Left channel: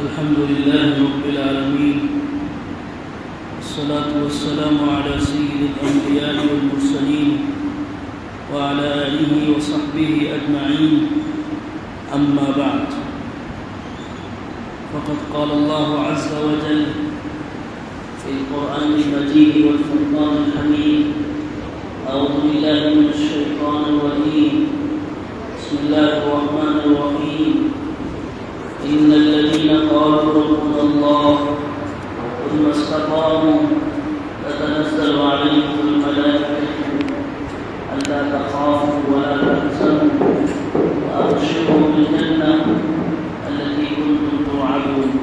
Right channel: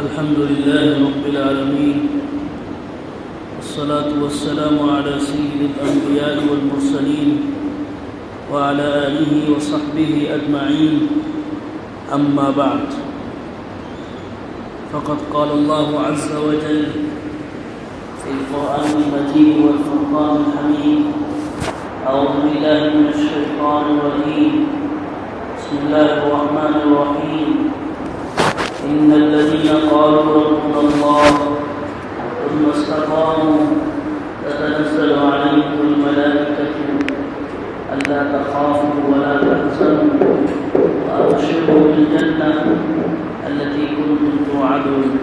الحمد لله رب العالمين، والصلاة والسلام على سيد الأنبياء والمرسلين وعلى آله وصحبه أجمعين. أما بعد، فقد قال الله عز وجل في القرآن المجيد والفرقان الحميد: أعوذ بالله من الشيطان الرجيم، بسم الله الرحمن الرحيم. إن الذين قالوا ربنا الله ثم استقاموا تتنزل عليهم الملائكة ألا تخافوا ولا تحزنوا وأبشروا بالجنة التي كنتم توعدون.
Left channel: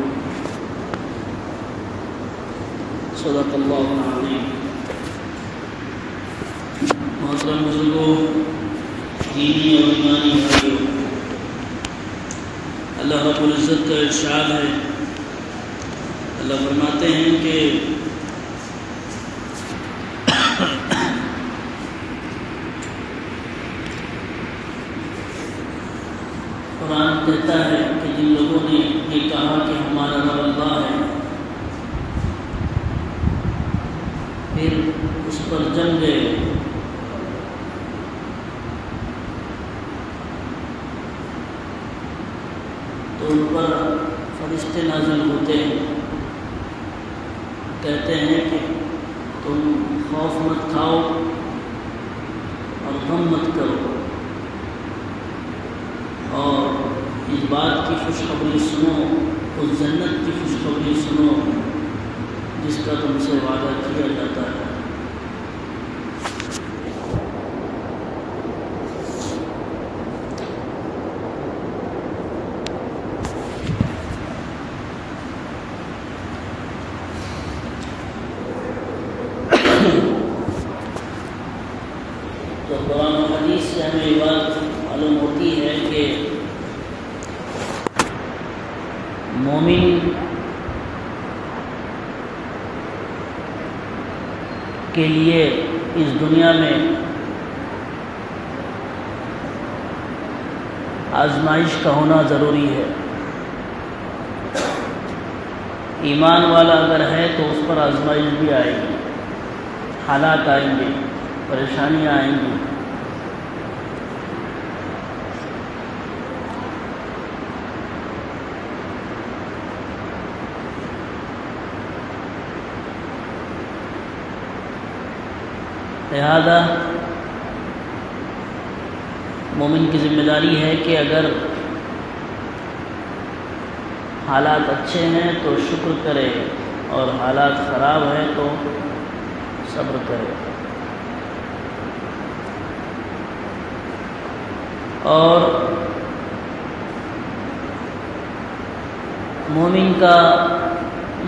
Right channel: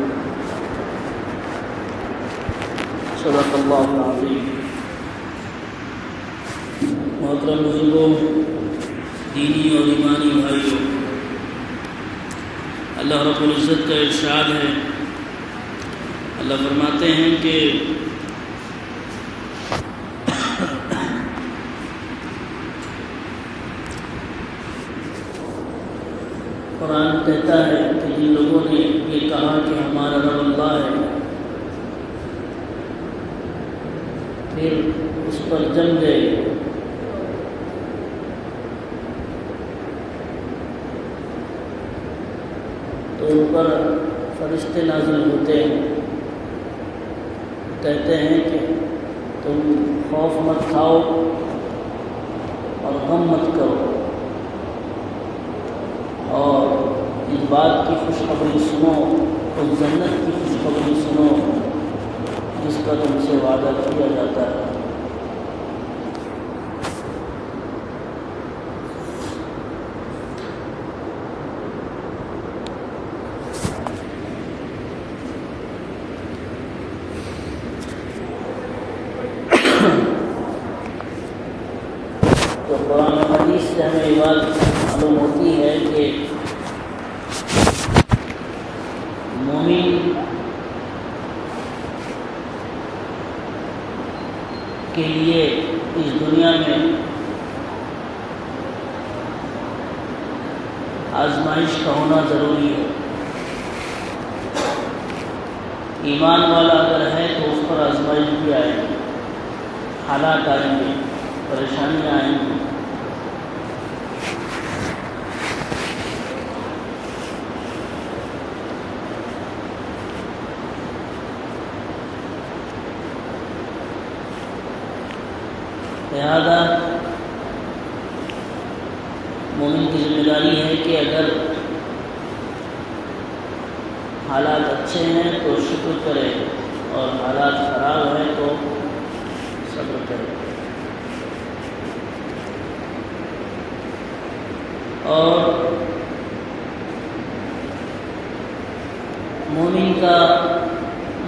صدق الله العظيم. محترم بزرگوں، دینی اور ایمانی بھائیوں، اللہ رب العزت کا ارشاد ہے، اللہ فرماتے ہیں کہ قرآن کہتا ہے کہ جن لوگوں نے یہ کہا کہ ہمارا رب اللہ ہے، پھر اس پر جم گئے، تو ان پر فرشتے نازل ہوتے ہیں، کہتے ہیں کہ تم خوف مت کھاؤ اور غم مت کرو، اور اس بات کی خوشخبری سنو، اس جنت کی خوشخبری سنو جس کا تم سے وعدہ کیا جاتا ہے۔ تو قرآن و حدیث سے ہمیں یہ بات معلوم ہوتی ہے کہ مومن کے لیے اس دنیا میں آزمائش کا ہونا ضروری ہے۔ ایمان والا اگر ہے تو اس پر آزمائش بھی آئے گی، حالات آئیں گے، پریشانیاں آئیں گی۔ لہذا مومن کی ذمہ داری ہے کہ اگر حالات اچھے ہیں تو شکر کرے، اور حالات خراب ہیں تو صبر کرے۔ اور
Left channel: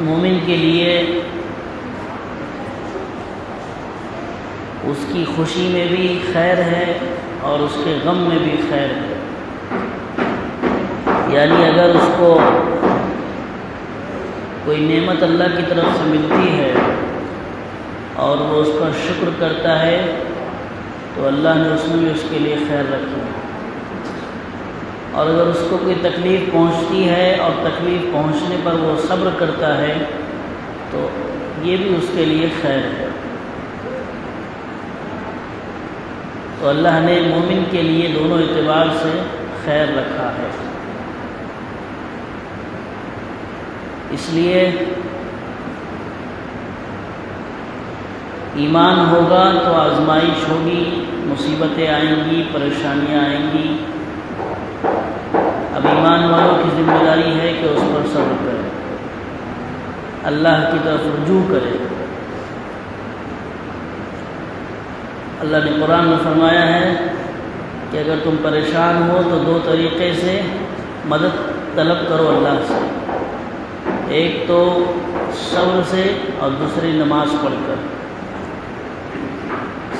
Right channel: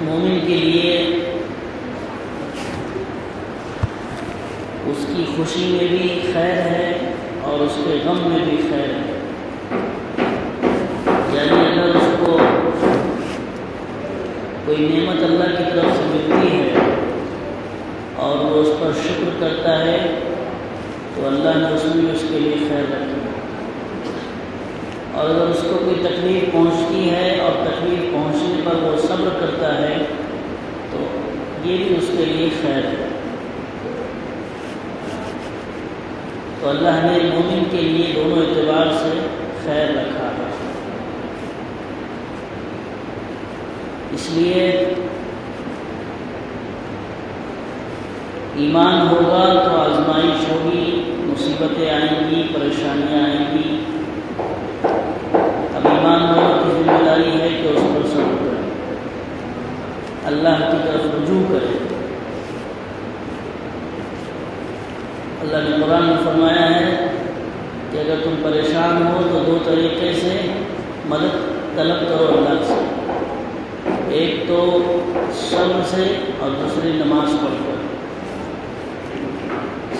مومن کے لیے اس کی خوشی میں بھی خیر ہے اور اس کے غم میں بھی خیر ہے۔ یعنی اگر اس کو کوئی نعمت اللہ کی طرف سے ملتی ہے اور وہ اس پر شکر کرتا ہے تو اللہ نے اس میں اس کے لیے خیر رکھا ہے، اور اگر اس کو کوئی تکلیف پہنچتی ہے اور تکلیف پہنچنے پر وہ صبر کرتا ہے تو یہ بھی اس کے لیے خیر ہے۔ تو اللہ نے مومن کے لیے دونوں اعتبار سے خیر رکھا ہے۔ اس لیے ایمان ہوگا تو آزمائش ہوگی، مصیبتیں آئیں گی، پریشانیاں آئیں گی۔ اب ایمان والوں کی ذمہ داری ہے کہ اس پر صبر کرے، اللہ کی طرف رجوع کرے۔ اللہ نے قرآن میں فرمایا ہے کہ اگر تم پریشان ہو تو دو طریقے سے مدد طلب کرو اللہ سے، ایک تو صبر سے اور دوسری نماز پڑھ کر۔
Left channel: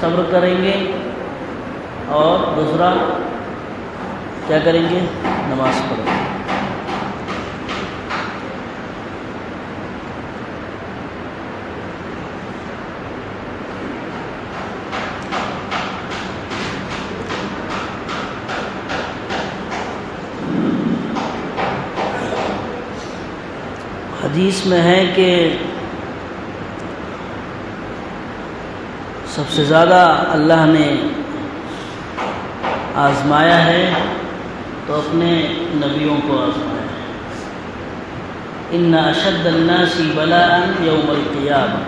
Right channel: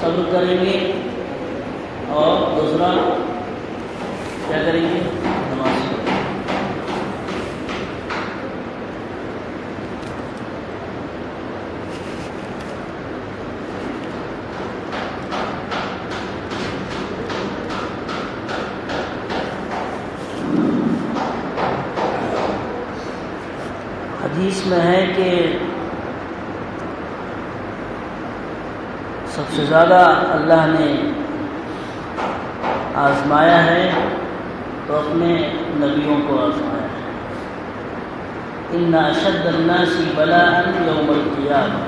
صبر کریں گے اور دوسرا کیا کریں گے؟ نماز پڑھیں گے۔ حدیث میں ہے کہ سب سے زیادہ اللہ نے آزمایا ہے تو اپنے نبیوں کو آزمایا ہے۔ ان اشد الناس بلاء یوم القیامہ،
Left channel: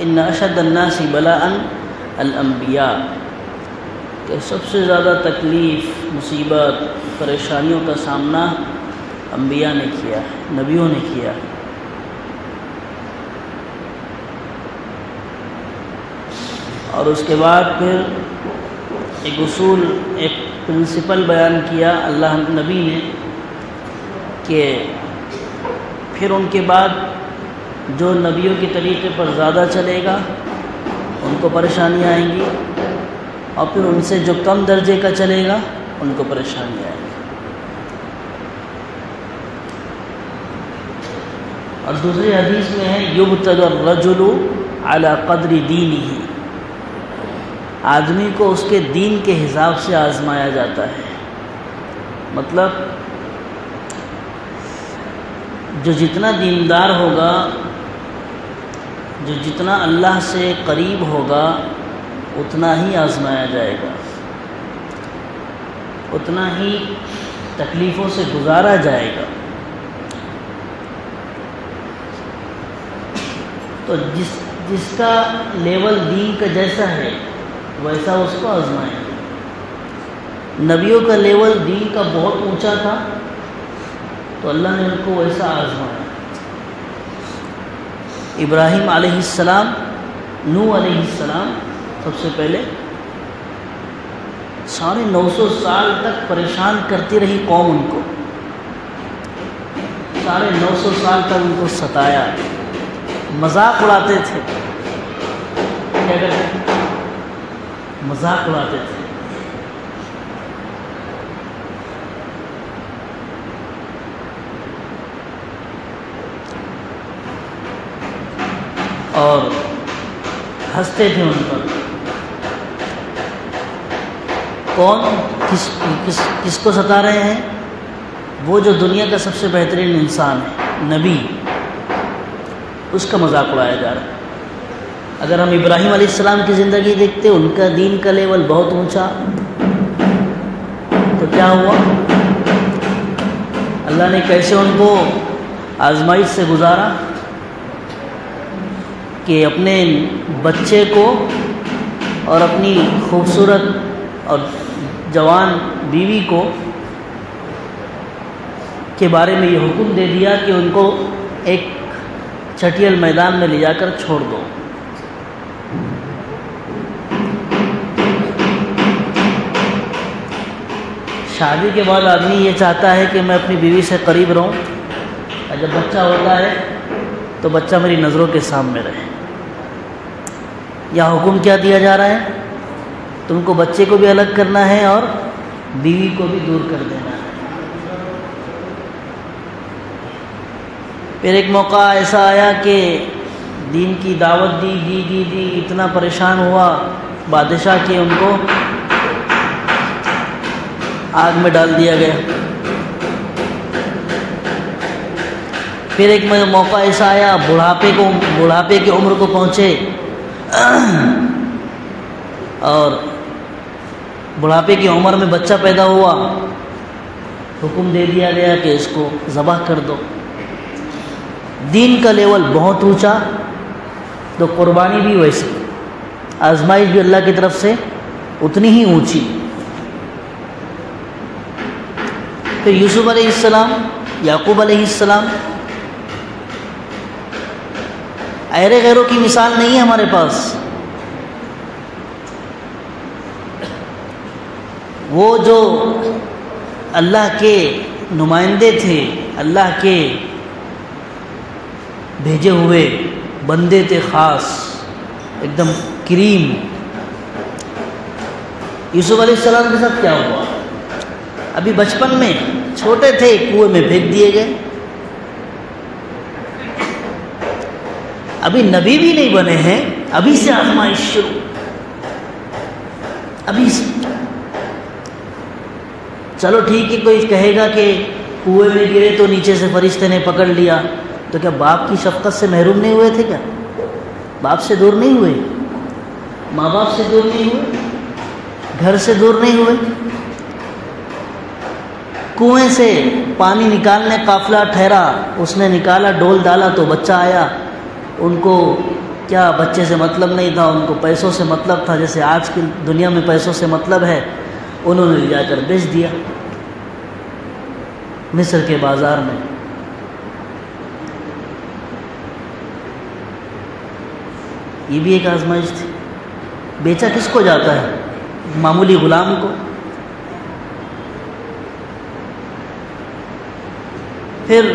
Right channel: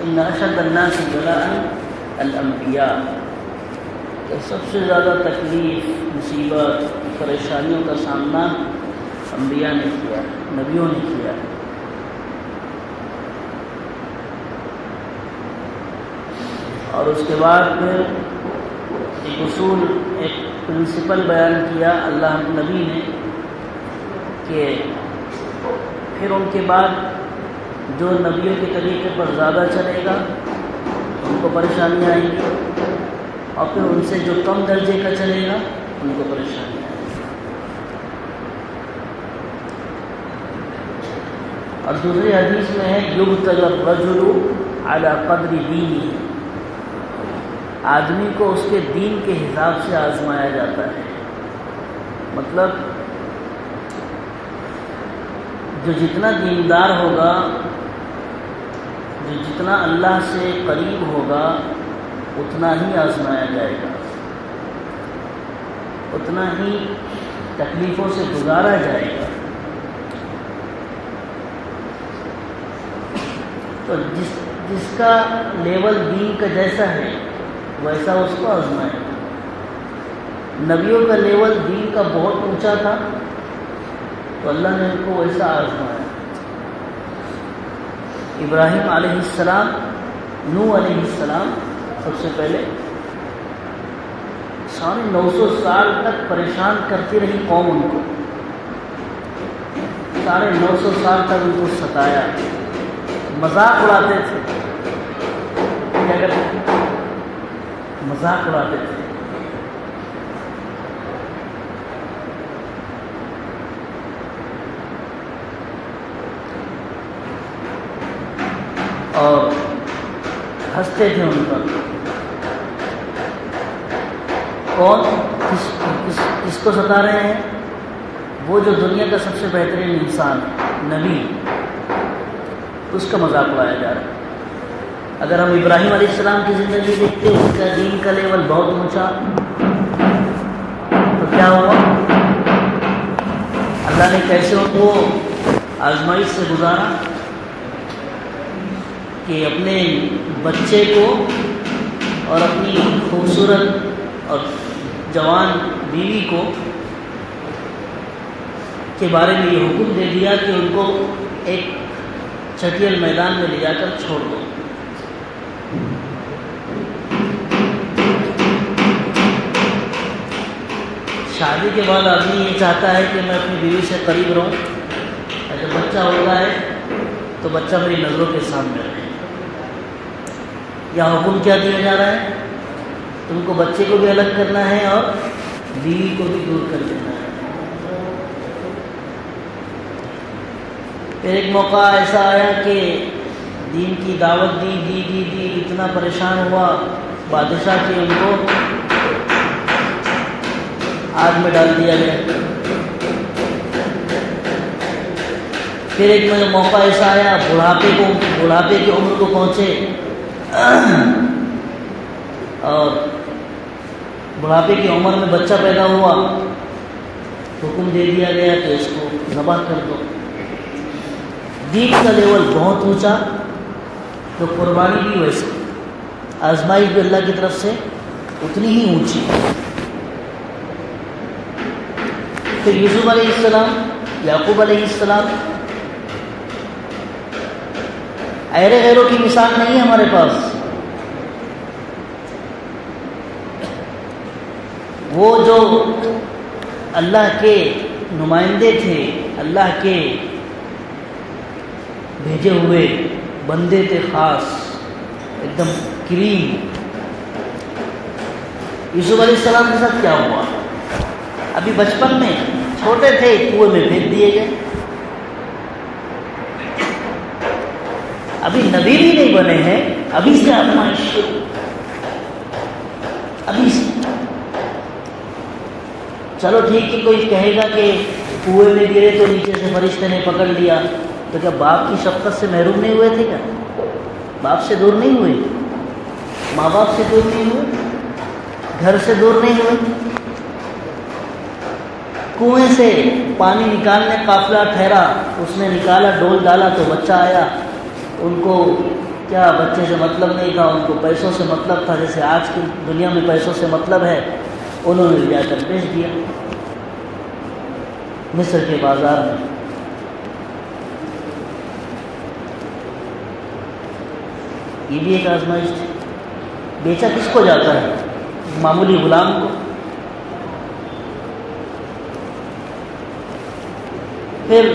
ان اشد الناس بلاء الانبیاء، کہ سب سے زیادہ تکلیف، مصیبت، پریشانیوں کا سامنا انبیاء نے کیا ہے، نبیوں نے کیا ہے۔ اور اس کے بعد پھر ایک اصول، ایک پرنسپل بیان کیا اللہ نبی نے کہ پھر ان کے بعد جو نبیوں کے طریقے پر زیادہ چلے گا ان کو پریشانیاں آئیں گی، اور پھر ان سے جو کم درجے کا چلے گا ان کو پریشانیاں آئیں گی۔ اور دوسری حدیث میں ہے یبتلی الرجل علی قدر دینہ، آدمی کو اس کے دین کے حساب سے آزمایا جاتا ہے۔ مطلب جو جتنا دیندار ہوگا، جو جتنا اللہ سے قریب ہوگا، اتنا ہی آزمایا جائے گا، اتنا ہی تکلیفوں سے گزارا جائے گا۔ تو جس کا لیول دین کا جیسا ہے ویسا اس کو آزمایا۔ نبیوں کا لیول دین کا بہت اونچا تھا تو اللہ نے ان کو ویسا آزمایا۔ ابراہیم علیہ السلام، نوح علیہ السلام سب سے پہلے 950 سال تک پریشان کرتی رہی قوم ان کو، 950 سال تک ان کو ستایا، مذاق اڑاتے تھے، کیا کرتے تھے؟ مذاق اڑاتے تھے۔ اور ہنستے تھے ان پر۔ کون کس کو ستا رہے ہیں؟ وہ جو دنیا کا سب سے بہترین انسان ہے، نبی، اس کا مذاق اڑایا جا رہا ہے۔ اگر ہم ابراہیم علیہ السلام کی زندگی دیکھتے، ان کا دین کا لیول بہت اونچا، تو کیا ہوا؟ اللہ نے کیسے ان کو آزمائش سے گزارا کہ اپنے بچے کو اور اپنی خوبصورت اور جوان بیوی کو کے بارے میں یہ حکم دے دیا کہ ان کو ایک چھٹیل میدان میں لے جا کر چھوڑ دو۔ شادی کے بعد آدمی یہ چاہتا ہے کہ میں اپنی بیوی سے قریب رہوں، اگر بچہ ہوتا ہے تو بچہ میری نظروں کے سامنے رہے۔ یا حکم کیا دیا جا رہا ہے؟ تم کو بچے کو بھی الگ کرنا ہے اور بیوی کو بھی دور کر دینا ہے۔ پھر ایک موقع ایسا آیا کہ دین کی دعوت دی، اتنا پریشان ہوا بادشاہ کہ ان کو آگ میں ڈال دیا گیا۔ پھر ایک موقع ایسا آیا بڑھاپے کی عمر کو پہنچے اور بڑھاپے کی عمر میں بچہ پیدا ہوا، حکم دے دیا گیا کہ اس کو ذبح کر دو۔ دین کا لیول بہت اونچا تو قربانی بھی ویسی، آزمائش بھی اللہ کی طرف سے اتنی ہی اونچی۔ تو یوسف علیہ السلام، یعقوب علیہ السلام، ایرے غیروں کی مثال نہیں ہے ہمارے پاس۔ وہ جو اللہ کے نمائندے تھے، اللہ کے بھیجے ہوئے بندے تھے، خاص ایک دم کریم۔ یوسف علیہ السلام کے ساتھ کیا ہوا؟ ابھی بچپن میں چھوٹے تھے، کنویں میں پھینک دیے گئے۔ ابھی نبی بھی نہیں بنے ہیں، ابھی سے آزمائش شروع، ابھی سے۔ چلو ٹھیک ہے، کوئی کہے گا کہ کنویں میں گرے تو نیچے سے فرشتے نے پکڑ لیا، تو کیا باپ کی شفقت سے محروم نہیں ہوئے تھے؟ کیا باپ سے دور نہیں ہوئے؟ ماں باپ سے دور نہیں ہوئے؟ گھر سے دور نہیں ہوئے؟ کنویں سے پانی نکالنے قافلہ ٹھہرا، اس نے نکالا، ڈول ڈالا تو بچہ آیا. ان کو کیا بچے سے مطلب نہیں تھا، ان کو پیسوں سے مطلب تھا. جیسے آج کی دنیا میں پیسوں سے مطلب ہے، انہوں نے لے جا کر بیچ دیا مصر کے بازار میں. یہ بھی ایک آزمائش تھی. بیچا کس کو جاتا ہے؟ معمولی غلام کو. پھر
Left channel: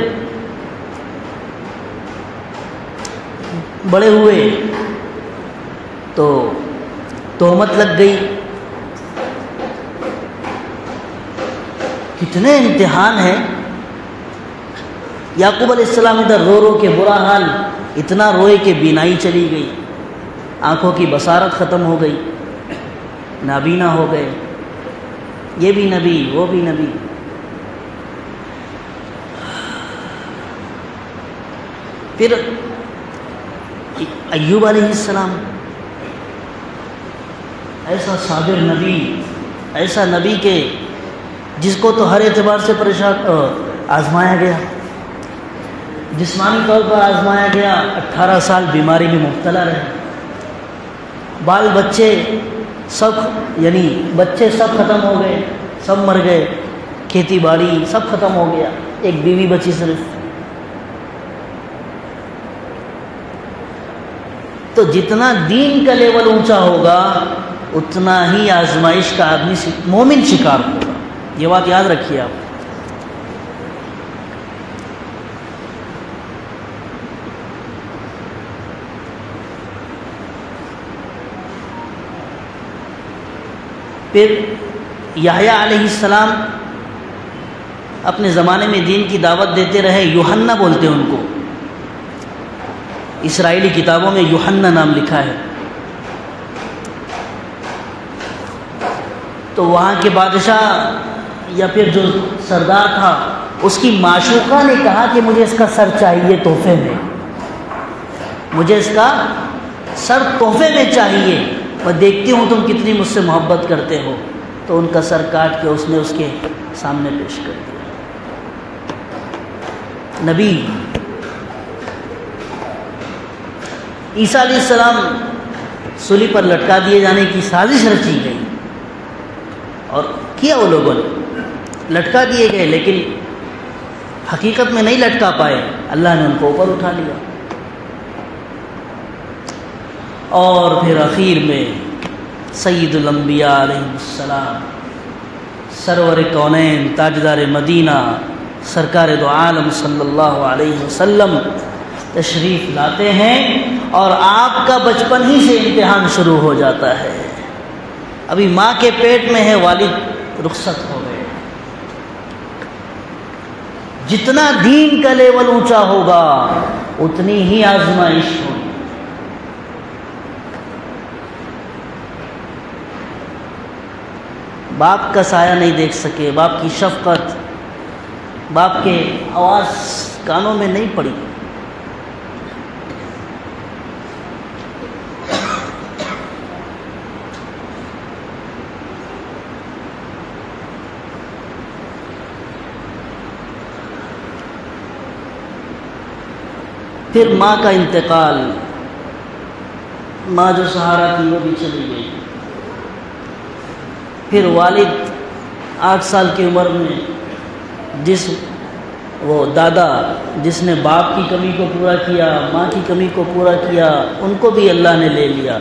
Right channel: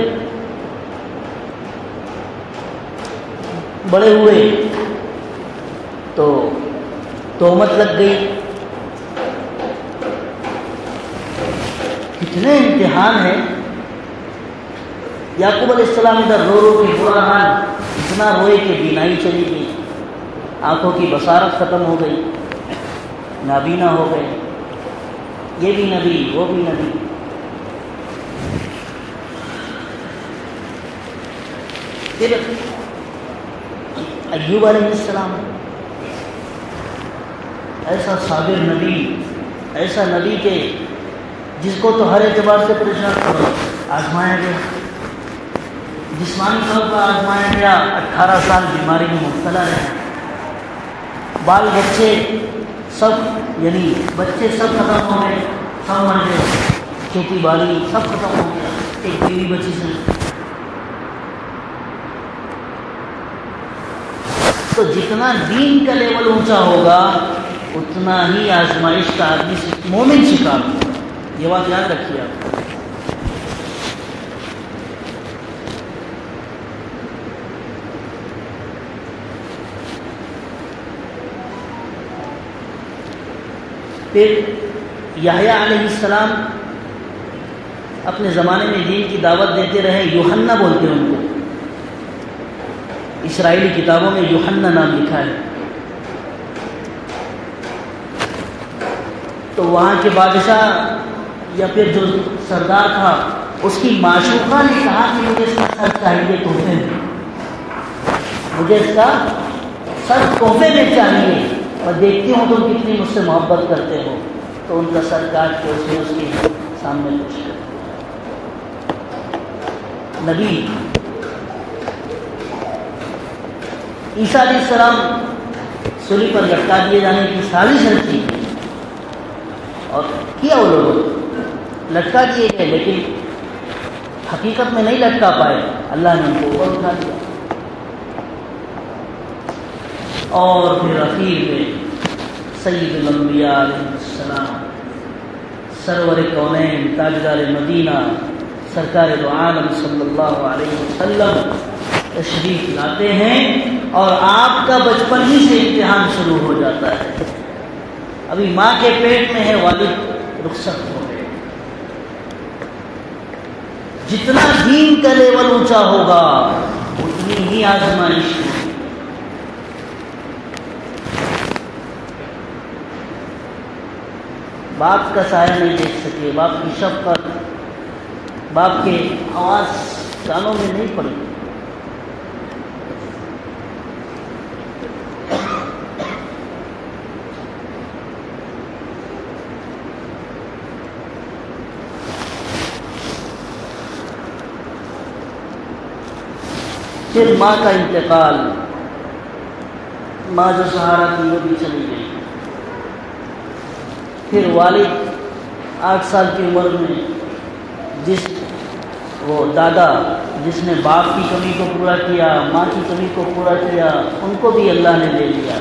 بڑے ہوئے تو تہمت لگ گئی. کتنے امتحان ہیں. یعقوب علیہ السلام ادھر رو رو کے برا حال، اتنا روئے کہ بینائی چلی گئی، آنکھوں کی بصارت ختم ہو گئی، نابینا ہو گئے. یہ بھی نبی، وہ بھی نبی. پھر ایوب علیہ السلام، ایسا صابر نبی، ایسا نبی کہ جس کو تو ہر اعتبار سے پریشان آزمایا گیا، جسمانی طور پر آزمایا گیا. 18 سال بیماری میں مبتلا رہے. بال بچے سب، یعنی بچے سب ختم ہو گئے، سب مر گئے. کھیتی باڑی سب ختم ہو گیا. ایک بیوی بچی سے. تو جتنا دین کا لیول اونچا ہوگا اتنا ہی آزمائش کا آدمی مومن شکار ہوگا. یہ بات یاد رکھیے آپ. پھر یحییٰ علیہ السلام اپنے زمانے میں دین کی دعوت دیتے رہے. یوحنا بولتے ہیں ان کو. اسرائیلی کتابوں میں یوحنا نام لکھا ہے. تو وہاں کے بادشاہ یا پھر جو سردار تھا، اس کی معشوقہ نے کہا کہ مجھے اس کا سر چاہیے تحفے میں، مجھے اس کا سر تحفے میں چاہیے، اور دیکھتی ہوں تم کتنی مجھ سے محبت کرتے ہو. تو ان کا سر کاٹ کے اس نے اس کے سامنے پیش کر دیا. نبی عیسیٰ علیہ السلام سولی پر لٹکا دیے جانے کی سازش رچی گئی، اور کیا وہ لوگوں نے لٹکا دیے گئے، لیکن حقیقت میں نہیں لٹکا پائے. اللہ نے ان کو اوپر اٹھا لیا. اور پھر آخر میں سید الانبیاء علیہ السلام، سرور کونین، تاجدار مدینہ، سرکار دو عالم صلی اللہ علیہ وسلم تشریف لاتے ہیں، اور آپ کا بچپن ہی سے امتحان شروع ہو جاتا ہے. ابھی ماں کے پیٹ میں ہے، والد رخصت ہو گئے. جتنا دین کا لیول اونچا ہوگا اتنی ہی آزمائش ہوگی. باپ کا سایہ نہیں دیکھ سکے، باپ کی شفقت، باپ کے آواز کانوں میں نہیں پڑی. پھر ماں کا انتقال، ماں جو سہارا تھی وہ بھی چلی گئی. پھر والد 8 سال کی عمر میں وہ دادا جس نے باپ کی کمی کو پورا کیا، ماں کی کمی کو پورا کیا، ان کو بھی اللہ نے لے لیا.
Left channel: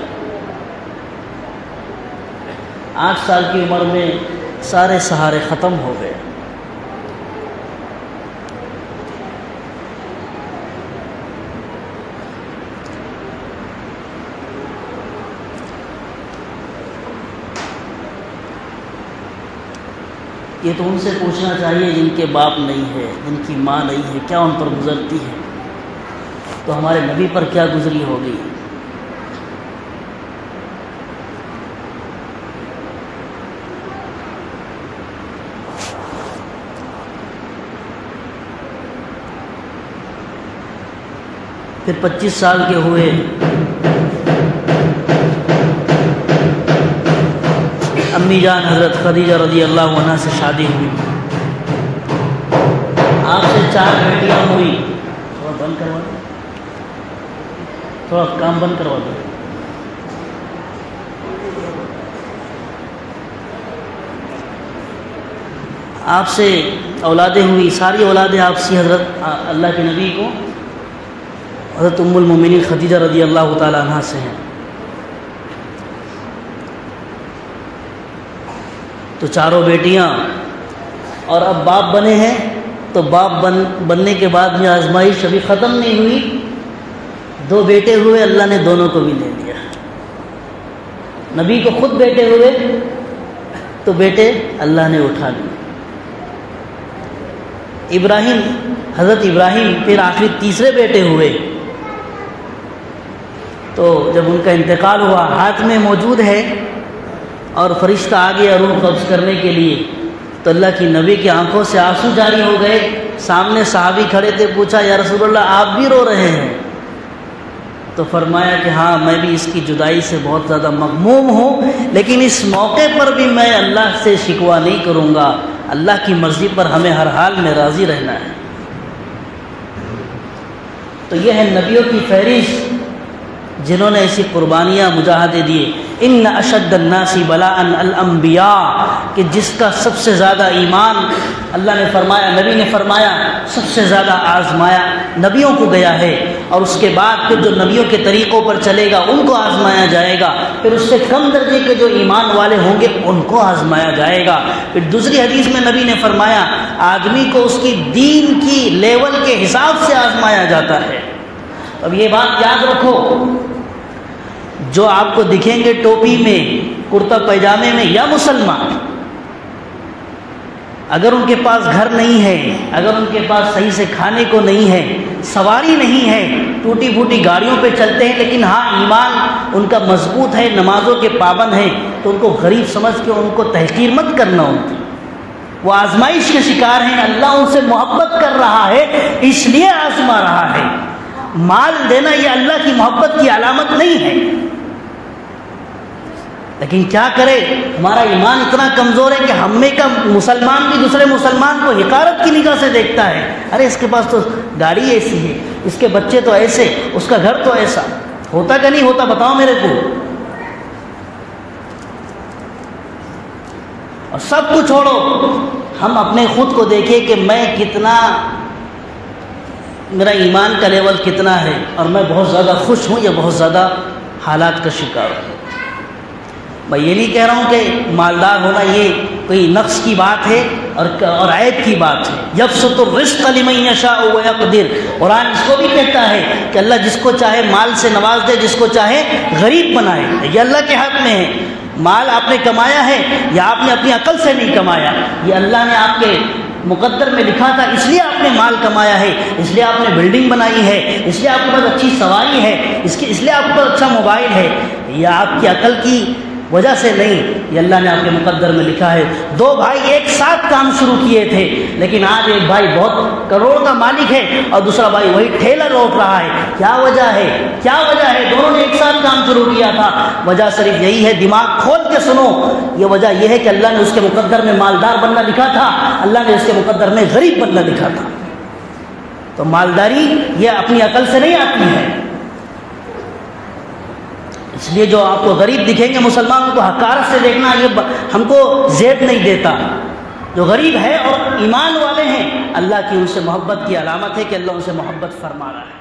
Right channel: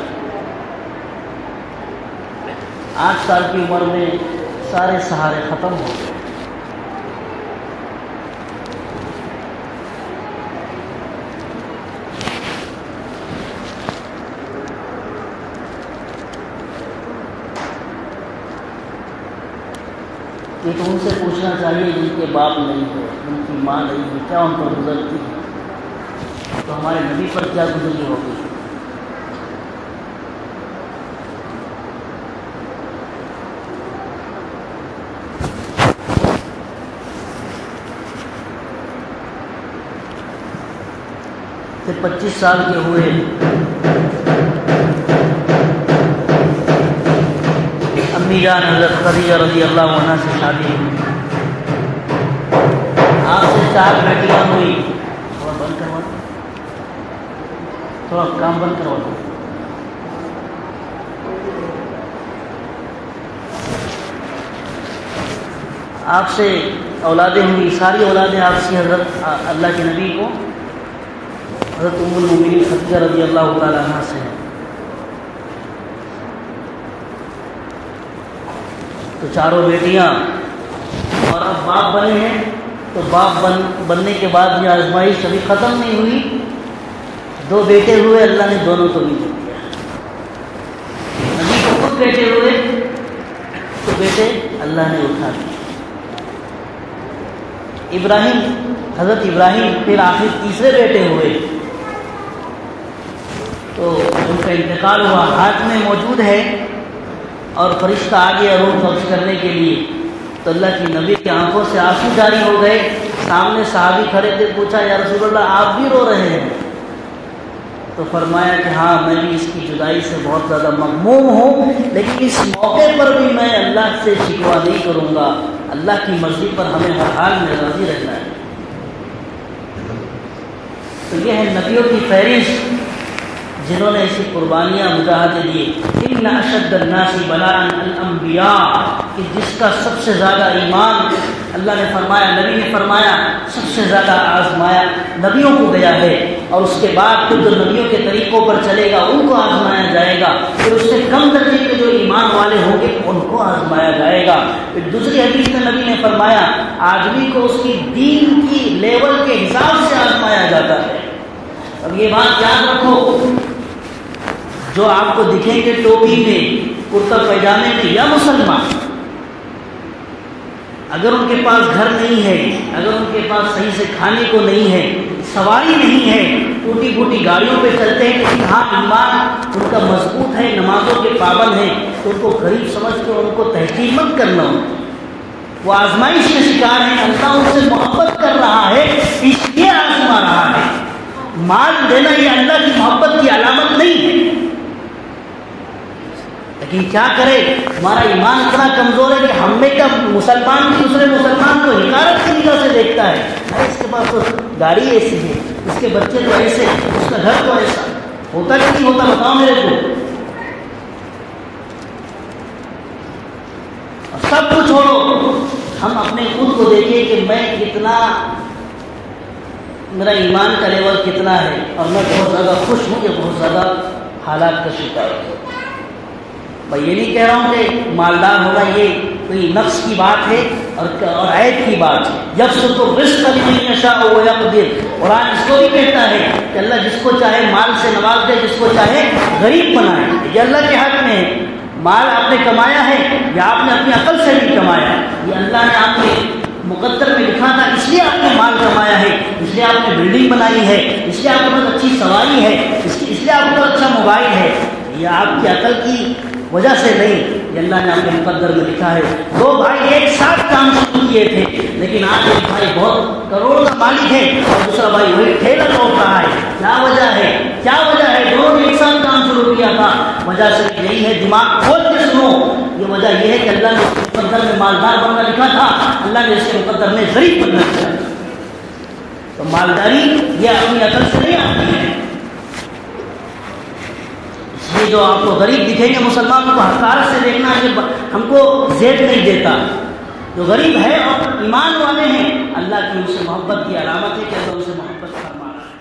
8 سال کی عمر میں سارے سہارے ختم ہو گئے. یہ تو ان سے پوچھنا چاہیے جن کے باپ نہیں ہے، جن کی ماں نہیں ہے، کیا ان پر گزرتی ہے، تو ہمارے نبی پر کیا گزری ہوگی. پھر 25 سال کے ہوئے، امی جان حضرت خدیجہ رضی اللہ عنہا سے شادی ہوئی، آپ سے 4 بیٹیاں ہوئی۔ تھوڑا بند کروا، تھوڑا کام بند کروا۔ آپ سے اولادیں ہوئی، ساری اولادیں آپ سے حضرت اللہ کے نبی کو حضرت ام المومنین خدیجہ رضی اللہ تعالیٰ عنہ سے ہیں۔ تو 4 بیٹیاں، اور اب باپ بنے ہیں، تو باپ بننے کے بعد میں آزمائش ابھی ختم نہیں ہوئی، 2 بیٹے ہوئے، اللہ نے دونوں کو بھی دے دیا۔ نبی کو خود بیٹے ہوئے تو بیٹے اللہ نے اٹھا دیے۔ ابراہیم، حضرت ابراہیم پھر آخر تیسرے بیٹے ہوئے، تو جب ان کا انتقال ہوا، ہاتھ میں موجود ہے اور فرشتہ آ گیا روح قبض کرنے کے لیے، تو اللہ کی نبی کی آنکھوں سے آنسو جاری ہو گئے۔ سامنے صحابی کھڑے تھے، پوچھا یا رسول اللہ آپ بھی رو رہے ہیں؟ تو فرمایا کہ ہاں میں بھی اس کی جدائی سے بہت زیادہ مغموم ہوں، لیکن اس موقع پر بھی میں اللہ سے شکوہ نہیں کروں گا، اللہ کی مرضی پر ہمیں ہر حال میں راضی رہنا ہے۔ تو یہ ہے نبیوں کی فہرست جنہوں نے ایسی قربانیاں مجاہدے دیے۔ ان اشد الناس بلاء الانبیاء، کہ جس کا سب سے زیادہ ایمان، اللہ نے فرمایا، نبی نے فرمایا سب سے زیادہ آزمایا نبیوں کو گیا ہے، اور اس کے بعد پھر جو نبیوں کے طریقوں پر چلے گا ان کو آزمایا جائے گا، پھر اس سے کم درجے کے جو ایمان والے ہوں گے ان کو آزمایا جائے گا۔ پھر دوسری حدیث میں نبی نے فرمایا آدمی کو اس کی دین کی لیول کے حساب سے آزمایا جاتا ہے۔ اب یہ بات یاد رکھو، جو آپ کو دکھیں گے ٹوپی میں، کرتا پائجامے میں، یا مسلمان، اگر ان کے پاس گھر نہیں ہے، اگر ان کے پاس صحیح سے کھانے کو نہیں ہے، سواری نہیں ہے، ٹوٹی پھوٹی گاڑیوں پہ چلتے ہیں، لیکن ہاں ایمان ان کا مضبوط ہے، نمازوں کے پابند ہیں، تو ان کو غریب سمجھ کے ان کو تحقیر مت کرنا ہوتا۔ وہ آزمائش کے شکار ہیں، اللہ ان سے محبت کر رہا ہے اس لیے آزما رہا ہے۔ مال دینا یہ اللہ کی محبت کی علامت نہیں ہے، لیکن کیا کرے، ہمارا ایمان اتنا کمزور ہے کہ ہم میں کا مسلمان بھی دوسرے مسلمان کو حقارت کی نگاہ سے دیکھتا ہے۔ ارے اس کے پاس تو گاڑی ایسی ہے، اس کے بچے تو ایسے، اس کا گھر تو ایسا، ہوتا کہ نہیں ہوتا بتاؤ میرے کو؟ اور سب کچھ چھوڑو، ہم اپنے خود کو دیکھیں کہ میں کتنا، میرا ایمان کا لیول کتنا ہے، اور میں بہت زیادہ خوش ہوں یا بہت زیادہ حالات کا شکار ہوں۔ میں یہ نہیں کہہ رہا ہوں کہ مالدار ہونا یہ کوئی نقص کی بات ہے اور عیب کی بات ہے۔ یبسط الرزق لمن یشاء ویقدر، قرآن اس کو بھی کہتا ہے کہ اللہ جس کو چاہے مال سے نواز دے، جس کو چاہے غریب بنائے، یہ اللہ کے حق میں ہے۔ مال آپ نے کمایا ہے یا آپ نے اپنی عقل سے نہیں کمایا، یہ اللہ نے آپ کے مقدر میں لکھا تھا، اس لیے آپ نے مال کمایا ہے، اس لیے آپ نے بلڈنگ بنائی ہے، اس لیے آپ کے پاس اچھی سواری ہے، اس لیے آپ کو اچھا موبائل ہے، یہ آپ کی عقل کی وجہ سے نہیں، یہ اللہ نے آپ کے مقدر میں لکھا ہے۔ 2 بھائی ایک ساتھ کام شروع کیے تھے، لیکن آج ایک بھائی بہت کروڑوں کا مالک ہے اور دوسرا بھائی وہی ٹھیلا لوٹ رہا ہے۔ کیا وجہ ہے؟ کیا وجہ ہے؟ دونوں نے ایک ساتھ کام شروع کیا تھا، وجہ صرف یہی ہے، دماغ کھول کے سنو، یہ وجہ یہ ہے کہ اللہ نے اس کے مقدر میں مالدار بننا لکھا تھا، اللہ نے اس کے مقدر میں غریب بننا لکھا تھا۔ تو مالداری یہ اپنی عقل سے نہیں آتی ہے، اس لیے جو آپ کو غریب دکھیں گے مسلمانوں کو حقارت سے دیکھنا، یہ ہم کو زیب نہیں دیتا۔ جو غریب ہے اور ایمان والے ہیں، اللہ کی ان سے محبت کی علامت ہے کہ اللہ ان سے محبت فرما رہا ہے۔